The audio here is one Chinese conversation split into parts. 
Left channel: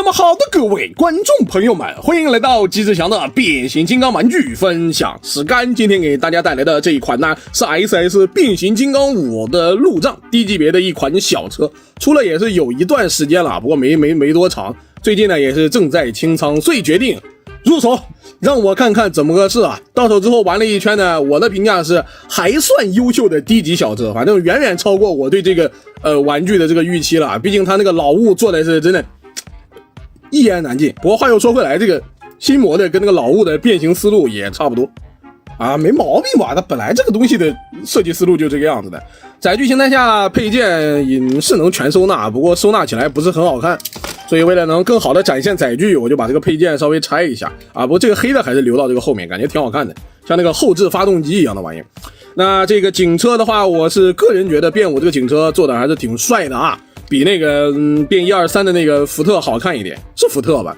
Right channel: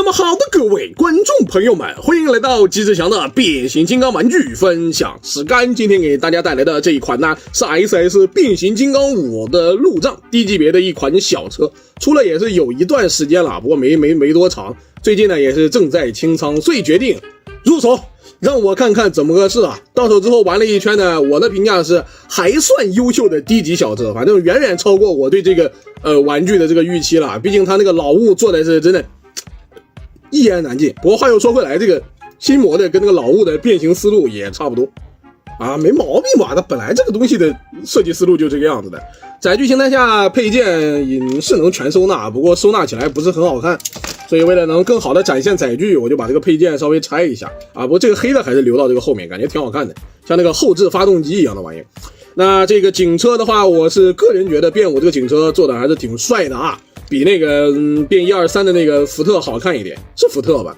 那么好的各位观众朋友们，欢迎来到机智强的变形金刚玩具分享时间。今天给大家带来的这一款呢是 SS 变形金刚5的路障低级别的一款小车，出了也是有一段时间了，不过没多长，最近呢也是正在清仓，所以决定入手，让我看看怎么个事啊。到手之后玩了一圈呢，我的评价是还算优秀的低级小车，反正远远超过我对这个玩具的这个预期了，毕竟它那个老物做的是真的一言难尽。不过话又说回来，这个新模的跟那个老物的变形思路也差不多啊，没毛病吧？它本来这个东西的设计思路就这个样子的。载具形态下配件也是能全收纳，不过收纳起来不是很好看，所以为了能更好的展现载具，我就把这个配件稍微拆一下啊。不过这个黑的还是留到这个后面，感觉挺好看的，像那个后置发动机一样的玩意。那这个警车的话，我是个人觉得变5这个警车做的还是挺帅的啊，比那个变123的那个福特好看一点，是福特吧？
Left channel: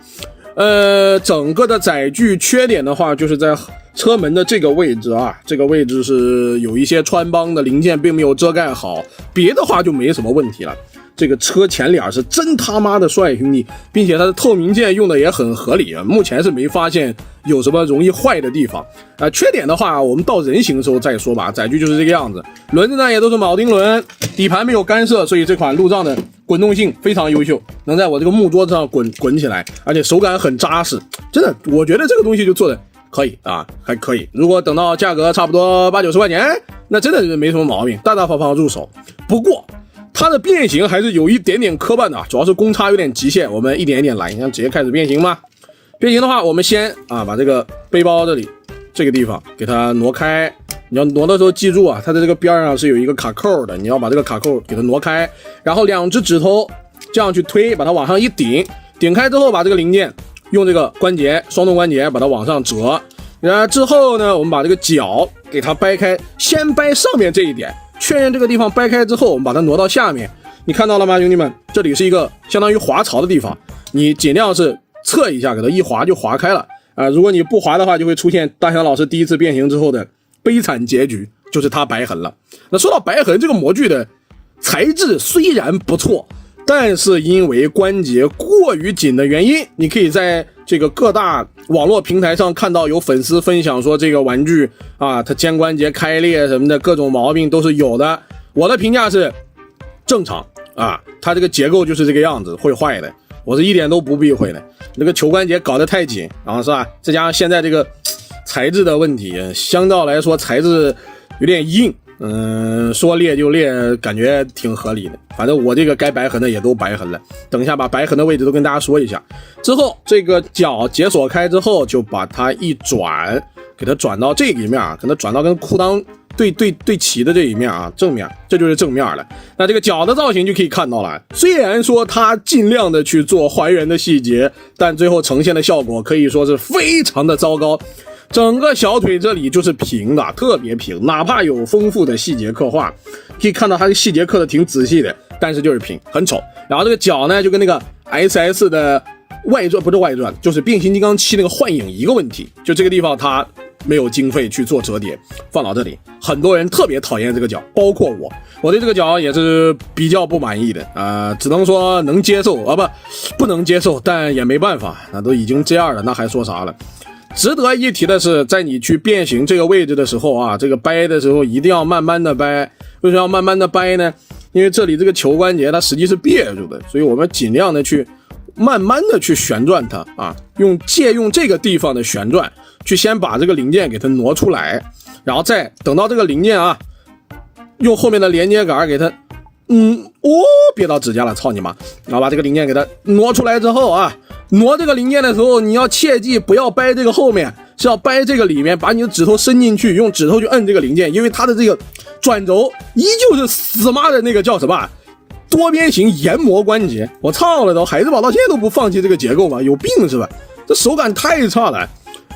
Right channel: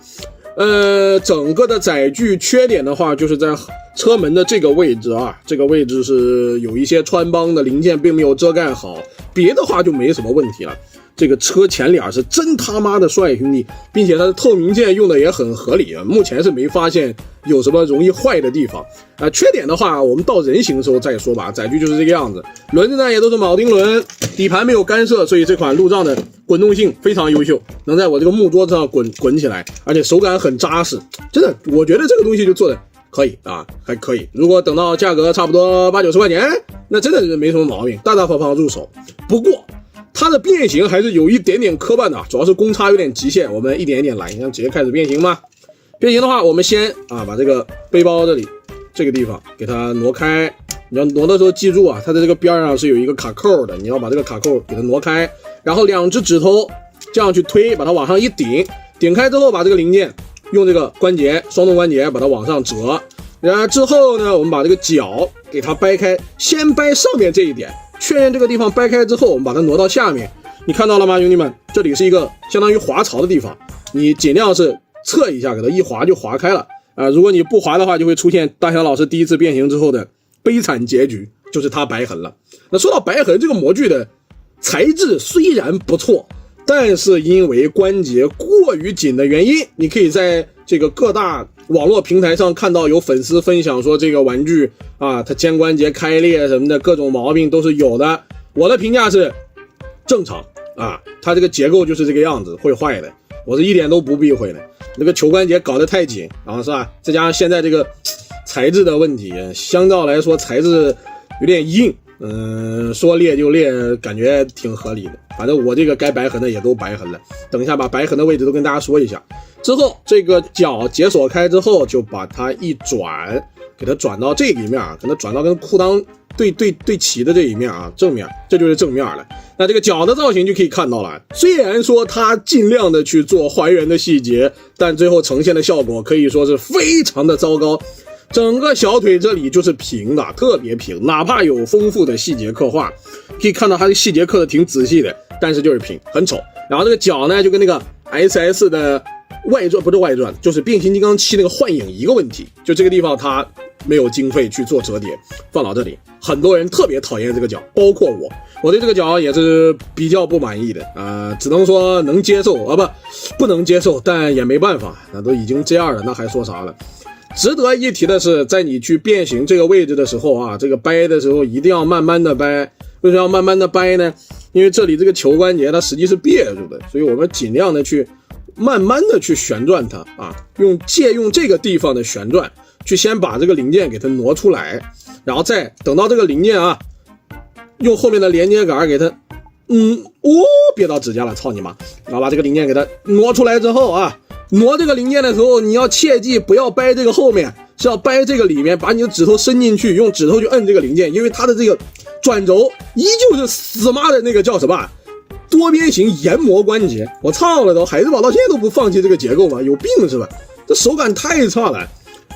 整个的载具缺点的话，就是在车门的这个位置啊，这个位置是有一些穿帮的零件并没有遮盖好，别的话就没什么问题了。这个车前脸是真他妈的帅，兄弟，并且它的透明件用的也很合理啊，目前是没发现有什么容易坏的地方。缺点的话，我们到人形的时候再说吧。载具就是这个样子，轮子呢也都是铆钉轮，底盘没有干涉，所以这款路障的滚动性非常优秀，能在我这个木桌子上滚起来，而且手感很扎实，真的，我觉得这个东西就做的可以啊，还可以。如果等到价格差不多80-90块钱，那真的是没什么毛病，大大方方入手。不过它的变形还是有一点点磕绊的，主要是公差有点极限，我们一点一点来。你看直接开始变形吗？变形的话，我们先把这个背包这里这个地方给它挪开。你要挪的时候记住啊，它的这个边上是有一个卡扣的，你要把这个卡扣给它挪开，然后2只指头这样去推，把它往上一顶，顶开之后把这个零件用这个关节双动关节把它往上折，然后之后呢，我们把这个角给它掰开，先掰上面这一点，确认这个地方掰开之后，我们把它挪到下面。你看到了吗，兄弟们？这里是一个相当于滑槽的地方，你尽量是侧一下，给它一滑就滑开了如果你不滑的话，就会出现大强老师第一次变形之后的悲惨结局，就是它白痕了。那说到白痕，这个模具的材质虽然不错，但是因为关节过于紧的原因，你可以在这个各大网络平台上看到有粉丝分享说这个玩具它肩关节开裂什么的各种毛病都是有的。我的评价是正常它这个结构就是这个样子，会坏的，我是一点都不避讳的。那个球关节搞得太紧，然后是吧？再加上现在这个材质的问题，相较来说材质有点硬，说裂就裂，感觉挺合理的。反正我这个该白痕的也都白痕了，等一下把白痕的位置都跟大家说一下。之后这个角解锁开之后，就把它一转，给它转到这个一面，给它转到跟裤裆对齐的这一面正面，这就是正面了。那这个角的造型就可以看到了，虽然说它尽量的去做还原的细节，但最后呈现的效果可以说是非常的糟糕。整个小腿这里就是平的，特别平，哪怕有丰富的细节刻画，可以看到它的细节刻的挺仔细的，但是就是平，很丑。然后这个角呢，就跟那个 SS 的外传，不是外传，就是变形金刚7那个幻影一个问题，就这个地方它没有经费去做折叠，放到这里，很多人特别讨厌这个角，包括我对这个角也是比较不满意的只能说能接受不能接受，但也没办法，那都已经这样了，那还说啥了。值得一提的是，在你去变形这个位置的时候这个掰的时候一定要慢慢的掰。为什么要慢慢的掰呢？因为这里这个球关节它实际是别住的，所以我们尽量的去慢慢的去旋转它借用这个地方的旋转去先把这个零件给它挪出来，然后再等到这个零件用后面的连接杆给它别到指甲了，操你妈！然后把这个零件给它挪出来之后挪这个零件的时候，你要切记不要掰这个后面，是要掰这个里面，把你的指头伸进去，用指头去摁这个零件，因为它的这个转轴依旧是死妈的那个叫什么多边形研磨关节。我操了都，海之宝到现在都不放弃这个结构吗？有病是吧？这手感太差了。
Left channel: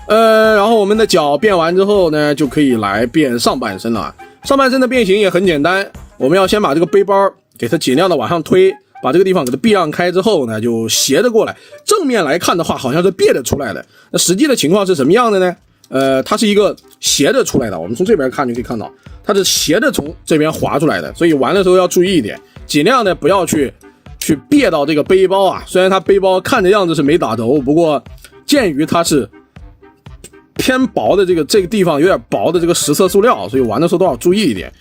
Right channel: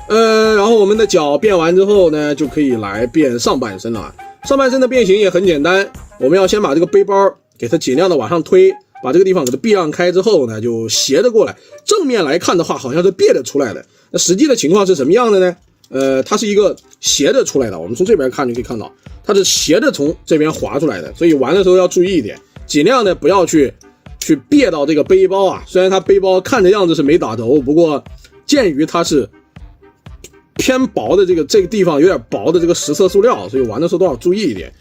然后我们的脚变完之后呢，就可以来变上半身了。上半身的变形也很简单，我们要先把这个背包给它尽量的往上推，把这个地方给它避让开之后呢，就斜着过来。正面来看的话，好像是别着出来的。那实际的情况是什么样的呢？它是一个斜着出来的。我们从这边看就可以看到，它是斜着从这边滑出来的。所以玩的时候要注意一点，尽量的不要去去别到这个背包啊。虽然它背包看着样子是没打轴，不过鉴于它是偏薄的这个地方有点薄的这个实色塑料，所以玩的时候都要注意一点。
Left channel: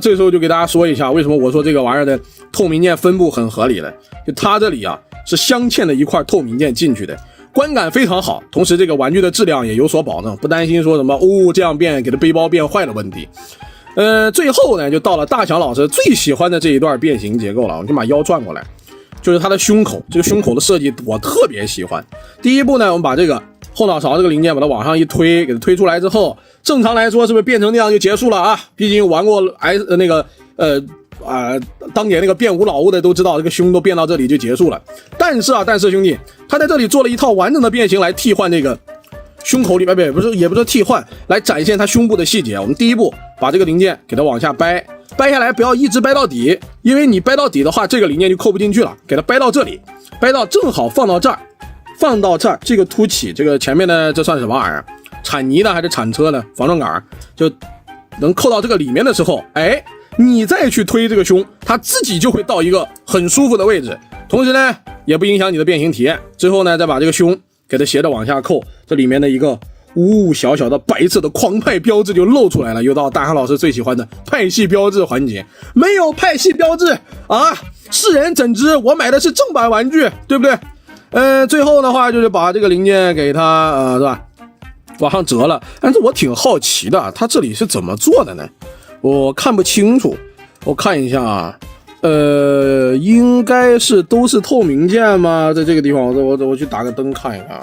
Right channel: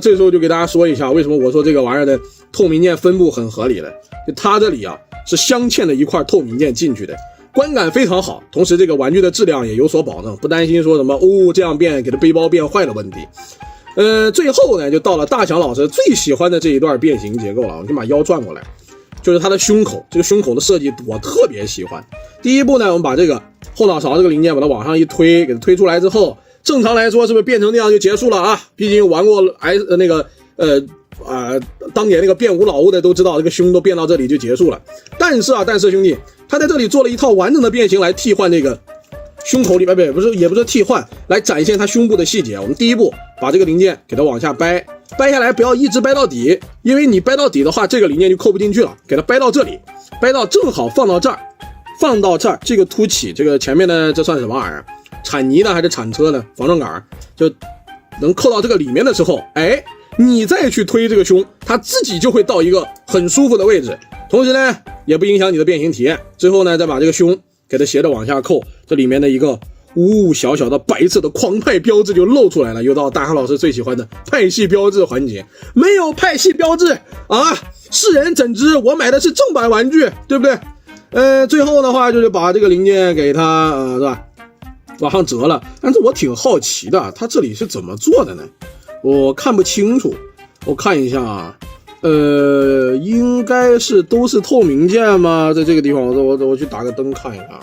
这时候就给大家说一下，为什么我说这个玩意儿的透明件分布很合理的，就它这里啊是镶嵌了一块透明件进去的，观感非常好，同时这个玩具的质量也有所保证，不担心说什么这样变给它背包变坏的问题。最后呢就到了大强老师最喜欢的这一段变形结构了，我就把腰转过来，就是它的胸口，这个胸口的设计我特别喜欢。第一步呢，我们把这个后脑勺这个零件把它往上一推，给它推出来之后，正常来说是不是变成那样就结束了啊？毕竟玩过当年那个变无老物的都知道，这个胸都变到这里就结束了。但是兄弟，他在这里做了一套完整的变形来替换这个胸口里边，也不是替换，来展现它胸部的细节。我们第一步把这个零件给它往下掰下来，不要一直掰到底，因为你掰到底的话，这个零件就扣不进去了。给它掰到这里，掰到正好放到这儿，这个凸起，这个前面的这算什么玩意儿？铲泥的还是铲车呢？防撞杆就能扣到这个里面的时候，你再去推这个胸，它自己就会到一个很舒服的位置，同时呢也不影响你的变形体验。之后呢再把这个胸给它斜着往下扣，这里面的一个小小的白色的狂派标志就露出来了，又到大航老师最喜欢的派系标志环节。没有派系标志啊，世人怎知我买的是正版玩具，对不对？最后的话就是把这个零件给它是吧往上折了。但是我挺好奇的，它这里是怎么做的呢？我看不清楚，我看一下啊，应该是都是透明件吗？在这个地方我去打个灯看一看。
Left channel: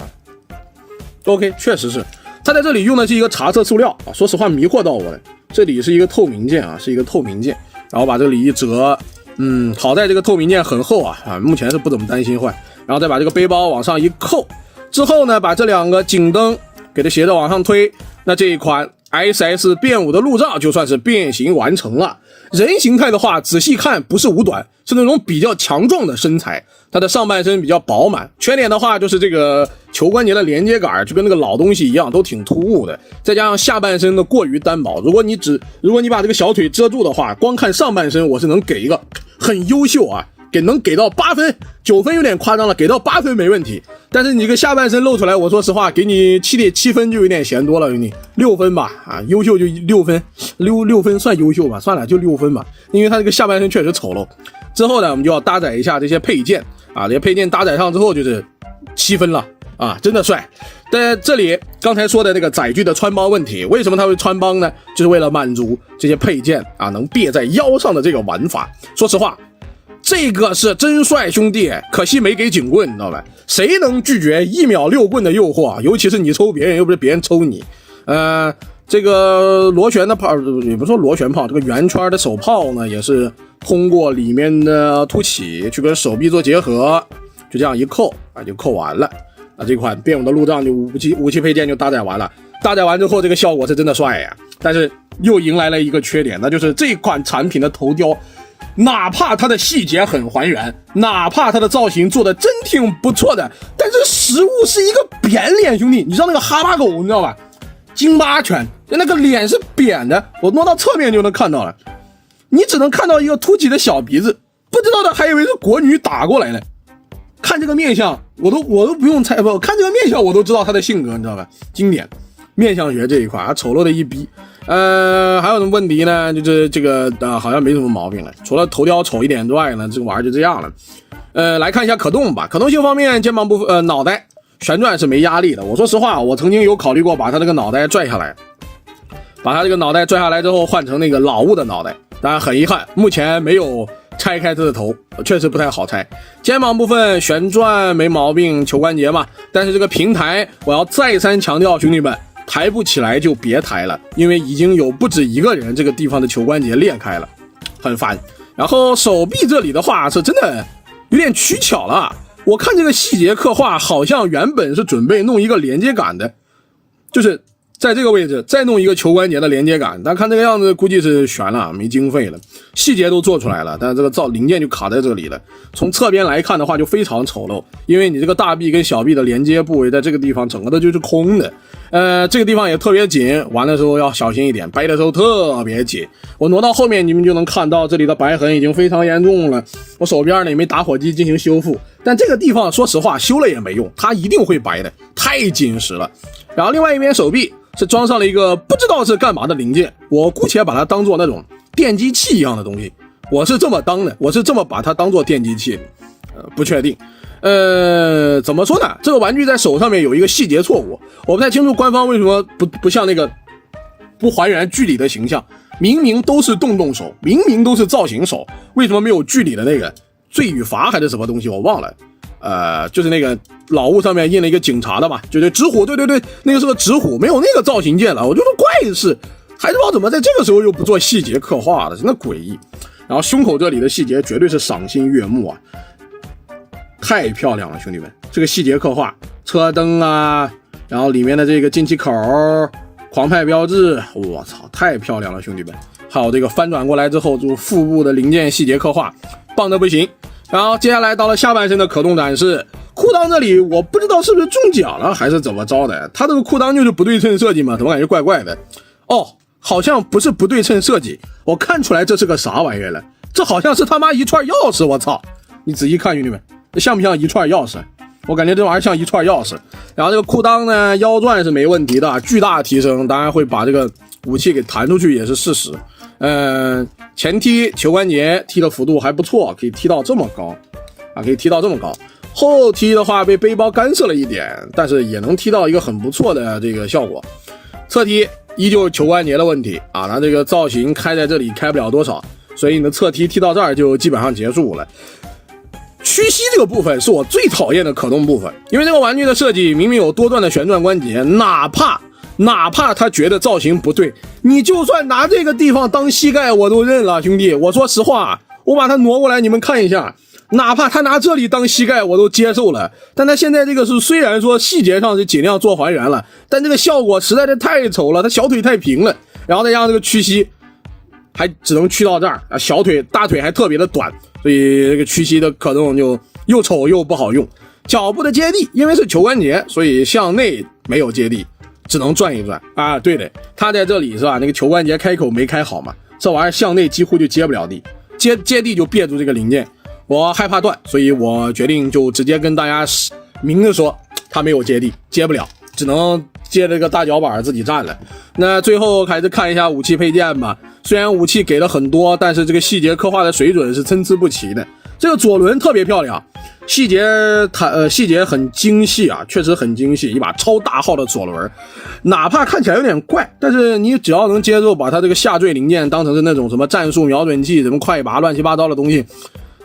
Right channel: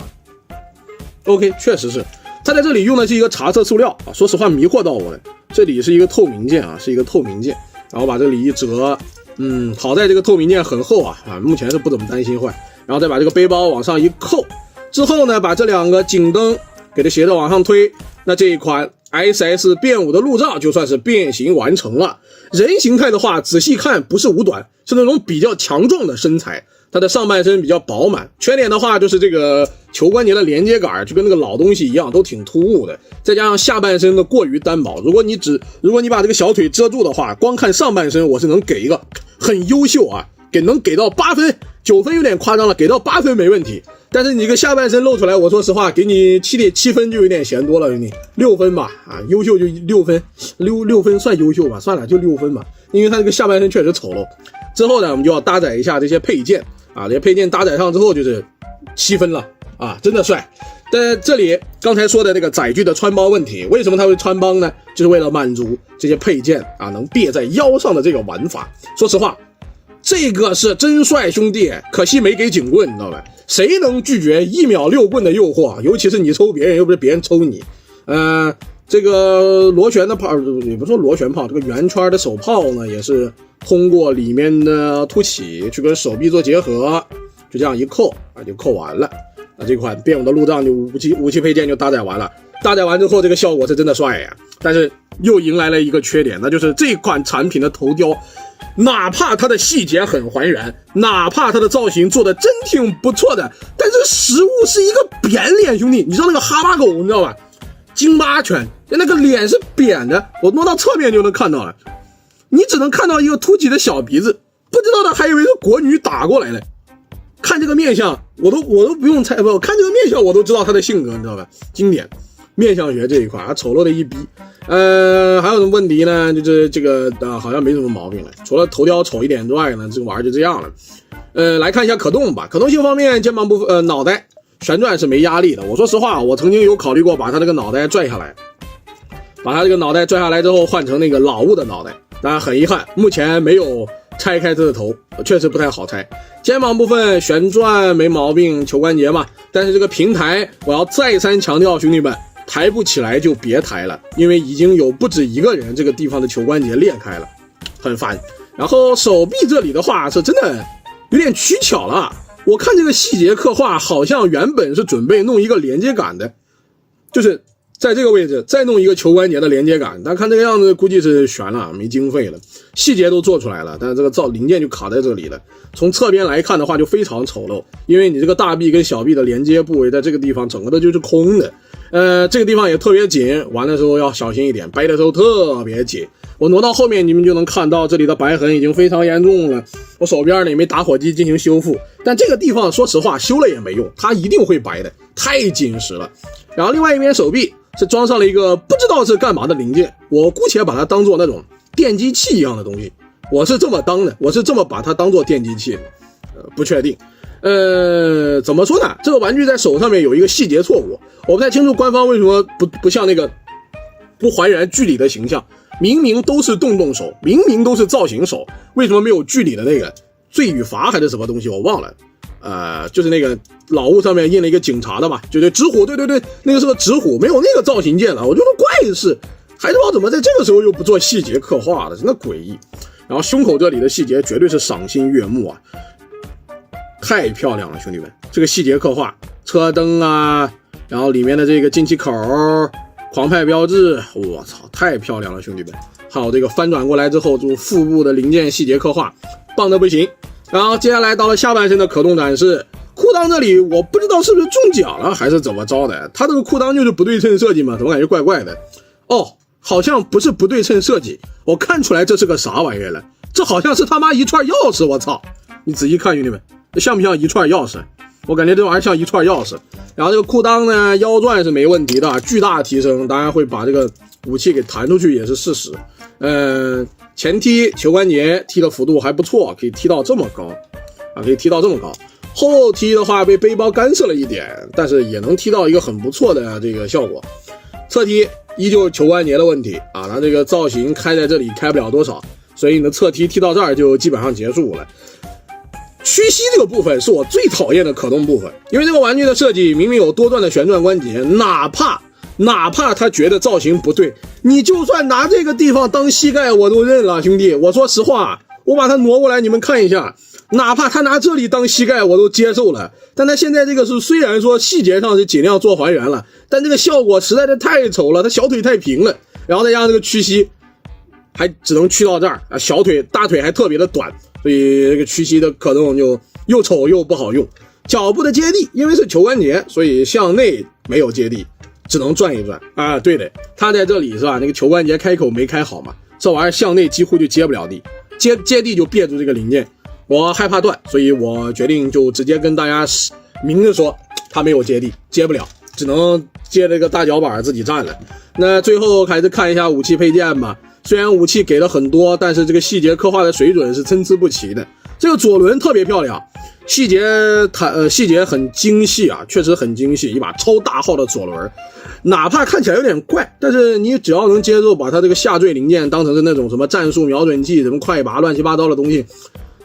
OK， 确实是，它在这里用的是一个茶色塑料啊，说实话迷惑到我了。这里是一个透明件啊，是一个透明件，然后把这里一折，好在这个透明件很厚啊，目前是不怎么担心坏。然后再把这个背包往上一扣，之后呢，把这两个颈灯给它斜着往上推，那这一款 SS 变5的路障就算是变形完成了。人形态的话，仔细看不是五短，是那种比较强壮的身材，它的上半身比较饱满。缺点的话就是这个球关节的连接杆就跟那个老东西一样，都挺突兀的，再加上下半身的过于单薄。如果你把这个小腿遮住的话，光看上半身我是能给一个很优秀啊，能给到8分，9分有点夸张了，给到8分没问题。但是你这个下半身露出来，我说实话给你7分就有点嫌多了，兄弟，6分吧，优秀就6分，6分算优秀吧，算了就6分吧，因为他这个下半身确实丑陋。之后呢，我们就要搭载一下这些配件啊，这些配件搭载上之后就是7分了啊，真的帅。在这里刚才说的这个载具的穿帮问题，为什么它会穿帮呢？就是为了满足这些配件啊能别在腰上的这个玩法。说实话，这个是真帅兄弟，可惜没给警棍，你知道吧？谁能拒绝1秒6棍的诱惑？尤其是你抽别人，又不是别人抽你。这个螺旋的炮，也不说螺旋炮，这个圆圈的手炮呢，也是通过里面的凸起去跟手臂做结合，就这样一扣啊，就扣完了。这款变5的路障就武器配件就搭载完了。搭载完之后，这个效果是真的帅呀，但是又迎来了一个缺点，那就是这款产品的头雕。哪怕它的细节很还原，哪怕它的造型做的真挺不错的，但是实物是一个扁脸，兄弟，你知道那个哈巴狗你知道吧？京巴犬那个脸是扁的，我挪到侧面就能看到了，你只能看到一个凸起的小鼻子，不知道的还以为是国女打过来了。看这个面相，我都不用猜，不看这个面相我都知道他的性格，你知道吧？经典面相学这一块丑陋的一逼。还有什么问题呢？就是这个好像没什么毛病了，除了头雕丑一点之外呢，这个玩意儿就这样了。来看一下可动吧。可动性方面，肩膀部分脑袋旋转是没压力的。我说实话，我曾经有考虑过把它这个脑袋拽下来，把它这个脑袋拽下来之后换成那个老物的脑袋，当然很遗憾，目前没有拆开它的头，确实不太好拆。肩膀部分旋转没毛病，球关节嘛，但是这个平台我要再三强调，兄弟们，抬不起来就别抬了，因为已经有不止一个人这个地方的球关节裂开了，很烦。然后手臂这里的话是真的有点取巧了，我看这个细节刻画好像原本是准备弄一个连接杆的，就是在这个位置再弄一个球关节的连接杆，但看这个样子估计是悬了，没经费了，细节都做出来了，但是这个零件就卡在这里了。从侧边来看的话就非常丑陋，因为你这个大臂跟小臂的连接部位在这个地方整个的就是空的。这个地方也特别紧，玩的时候要小心一点，掰的时候特别紧。我挪到后面你们就能看到这里的白痕已经非常严重了，我手边呢也没打火机进行修复，但这个地方说实话修了也没用，它一定会白的，太紧实了。然后另外一边手臂是装上了一个不知道是干嘛的零件，我姑且把它当做那种电击器一样的东西，我是这么当的，我是这么把它当做电击器的，不确定。怎么说呢？这个玩具在手上面有一个细节错误，我不太清楚官方为什么不像那个不还原剧里的形象，明明都是动手，明明都是造型手，为什么没有剧里的那个罪与罚还是什么东西我忘了。就是那个老物上面印了一个警察的嘛，就是纸虎，对，那个是个纸虎，没有那个造型件了，我觉得怪事，还是不知道怎么在这个时候又不做细节刻画的，真的诡异。然后胸口这里的细节绝对是赏心悦目啊，太漂亮了，兄弟们，这个细节刻画，车灯啊，然后里面的这个进气口，狂派标志，我操，太漂亮了，兄弟们。还有这个翻转过来之后，就腹部的零件细节刻画，棒得不行。然后接下来到了下半身的可动展示，裤裆这里我不知道是不是中奖了还是怎么着的，它这个裤裆就是不对称设计嘛，怎么感觉怪怪的？哦，好像不是不对称设计，我看出来这是个啥玩意儿了，这好像是他妈一串钥匙，我操！你仔细看兄弟们，像不像一串钥匙？我感觉这玩意儿像一串钥匙。然后这个裤裆呢，腰转是没问题的，巨大提升，当然会把这个武器给弹出去也是事实。前踢球关节踢的幅度还不错，可以踢到这么高啊，可以踢到这么高。后踢的话被背包干涉了一点，但是也能踢到一个很不错的这个效果。侧踢依旧球关节的问题啊，它这个造型开在这里开不了多少，所以你的侧踢踢到这儿就基本上结束了。屈膝这个部分是我最讨厌的可动部分，因为这个玩具的设计明明有多段的旋转关节，哪怕他觉得造型不对，你就算拿这个地方当膝盖我都认了，兄弟，我说实话，我把它挪过来你们看一下，哪怕他拿这里当膝盖我都接受了，但他现在这个是虽然说细节上是尽量做还原了，但这个效果实在是太丑了，他小腿太平了，然后再加上这个屈膝还只能屈到这儿啊，小腿大腿还特别的短，所以这个屈膝的可动就又丑又不好用。脚部的接地因为是球关节，所以向内没有接地，只能转一转啊。对的，它在这里是吧，那个球关节开口没开好嘛，这玩意儿向内几乎就接不了地，接地就别住这个零件，我害怕断，所以我决定就直接跟大家明着说它没有接地，接不了，只能接这个大脚板自己站了。那最后还是看一下武器配件吧，虽然武器给了很多，但是这个细节刻画的水准是参差不齐的。这个左轮特别漂亮，细节很精细啊，确实很精细，一把超大号的左轮，哪怕看起来有点怪，但是你只要能接受把它这个下坠零件当成是那种什么战术瞄准器、什么快拔乱七八糟的东西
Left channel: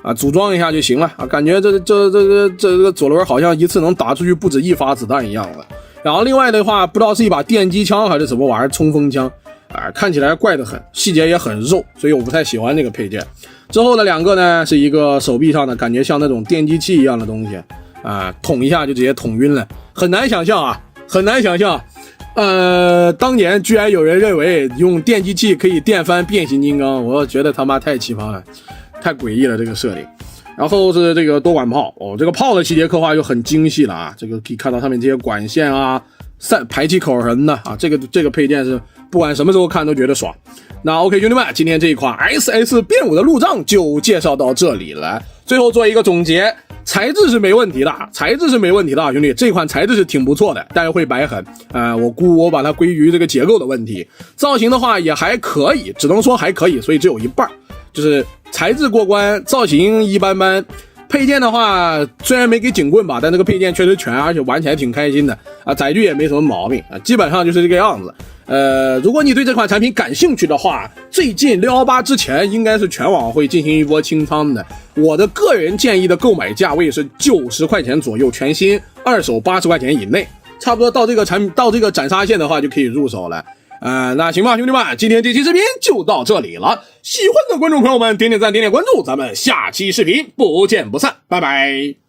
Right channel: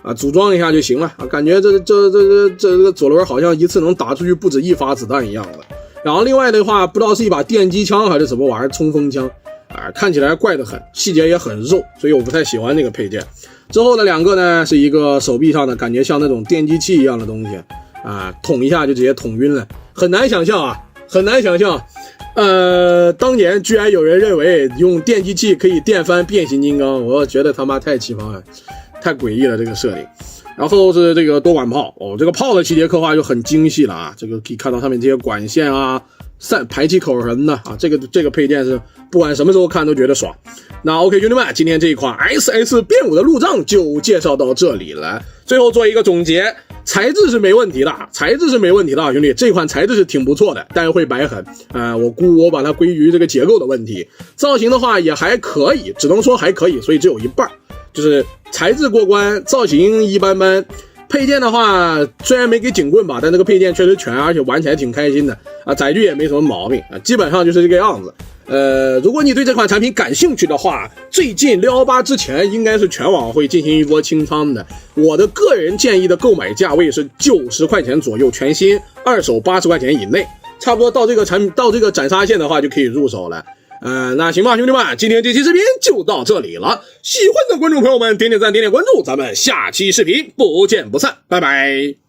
啊，组装一下就行了啊，感觉这个左轮好像一次能打出去不止一发子弹一样了。然后另外的话，不知道是一把电击枪还是什么玩意儿，冲锋枪啊，看起来怪得很，细节也很肉，所以我不太喜欢这个配件。之后的两个呢，是一个手臂上的感觉像那种电击器一样的东西啊，捅一下就直接捅晕了，很难想象啊，很难想象。当年居然有人认为用电击器可以电翻变形金刚，我觉得他妈太奇葩了，太诡异了这个设定。然后是这个多管炮哦，这个炮的细节刻画就很精细了啊，这个可以看到上面这些管线啊、排气口什么的啊，这个配件是不管什么时候看都觉得爽。那 OK 兄弟们，今天这一款 SS 变武的路障就介绍到这里了。最后做一个总结，材质是没问题的，兄弟，这款材质是挺不错的，但是会白痕我把它归于这个结构的问题。造型的话也还可以，只能说还可以，所以只有一半，就是材质过关，造型一般般。配件的话虽然没给警棍吧，但这个配件确实全，而且玩起来挺开心的啊，载具也没什么毛病啊，基本上就是这个样子。如果你对这款产品感兴趣的话，最近618之前应该是全网会进行一波清仓的。我的个人建议的购买价位是90块钱左右，全新，二手80块钱以内，差不多到这个斩杀线的话就可以入手了。那行吧，兄弟们，今天这期视频就到这里了。喜欢的观众朋友们，点点赞，点点关注，咱们下期视频不见不散，拜拜。